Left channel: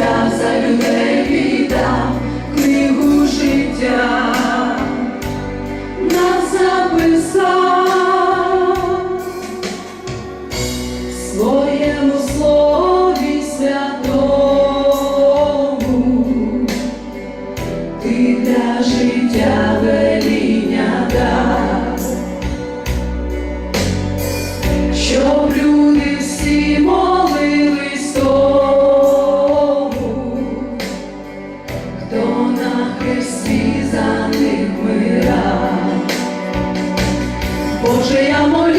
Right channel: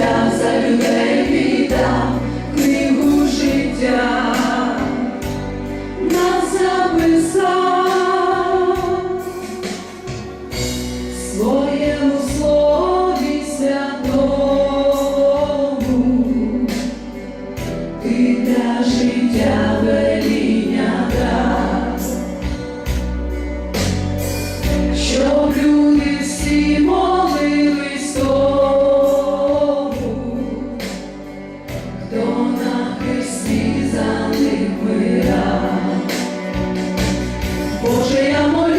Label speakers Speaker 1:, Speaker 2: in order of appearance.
Speaker 1: shall surrender. всі за них. Боже, я моя.